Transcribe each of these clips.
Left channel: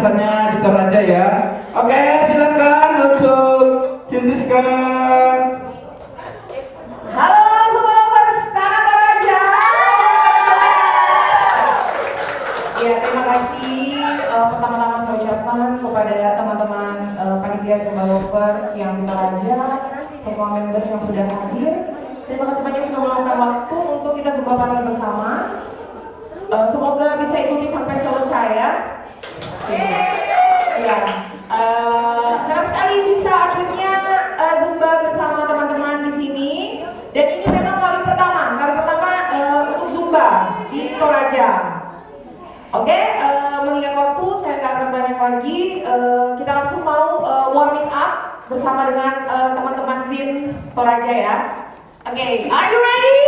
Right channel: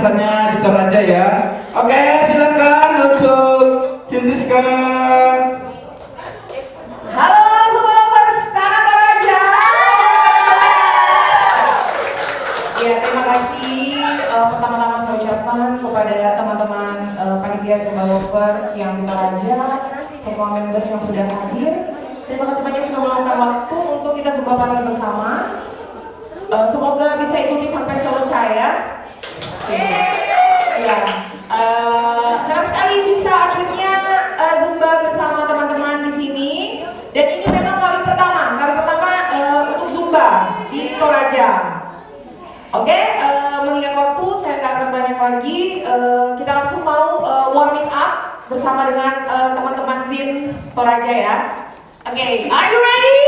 kesannya di Toraja ya. Oke, silakan untuk Cindriska. Halo semua lovers Tanah Toraja. Ya, terima kasih pertama-tama saya ucapkan kepada teman-teman panitia Zumba Lovers yang di Toraja, semua members yang sudah hadir. Terima kasih banyak sudah meluangkan waktu untuk kita Zumba bareng bersama. Semoga bisa ikuti sampai selesai ya. Ya, senang sekali bisa akhirnya Zumba bersama teman-teman di sini. Dan ini memang kali pertama untuk Zumba di Toraja. Oke, mengingat waktu saya nggak akan banyak lagi. Kita langsung mau warming up bersama dengan teman-teman Zin Toraja ya. Oke, are you ready?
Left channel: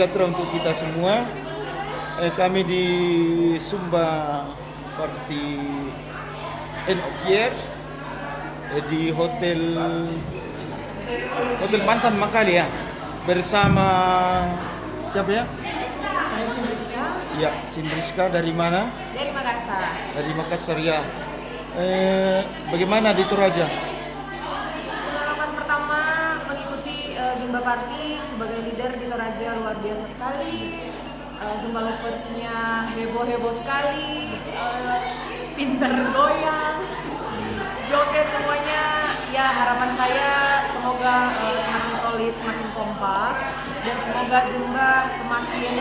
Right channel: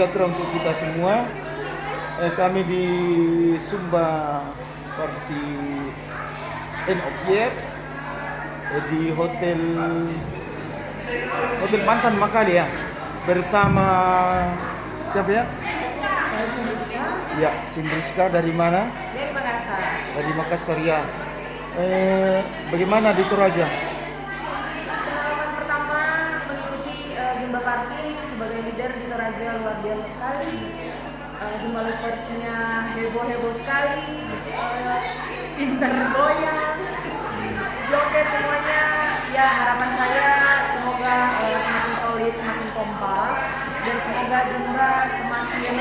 sejahtera untuk kita semua. Kami di Zumba Party End of Year di Hotel Mantan Makali ya, bersama siapa ya? Saya Sindriska Ya, Sindriska dari mana? dari Makassar. Dari Makassar ya. Bagaimana di Toraja? Pengalaman pertama mengikuti Zumba Party sebagai leader di Toraja luar biasa sekali. Zumba loversnya heboh-heboh sekali, pinter goyang, joget semuanya. Ya harapan saya semoga semakin solid, semakin kompak, dan semoga Zumba semakin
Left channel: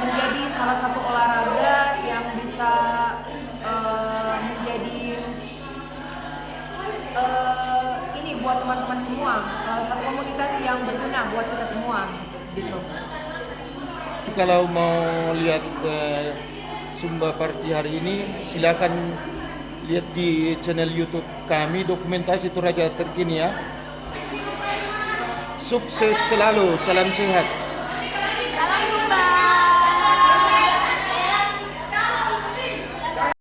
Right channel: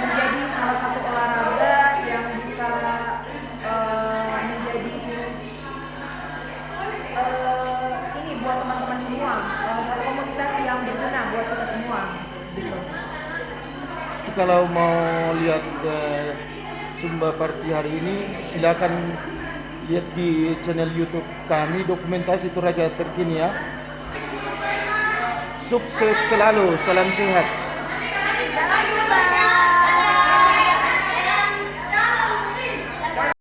menjadi salah satu olahraga yang bisa menjadi ini buat teman-teman semua, satu komunitas yang berguna buat kita semua gitu. Kalau mau lihat Zumba Party hari ini, silakan lihat di channel YouTube kami, Dokumentasi Toraja Terkini ya. Sukses selalu, salam sehat. Salam Zumba.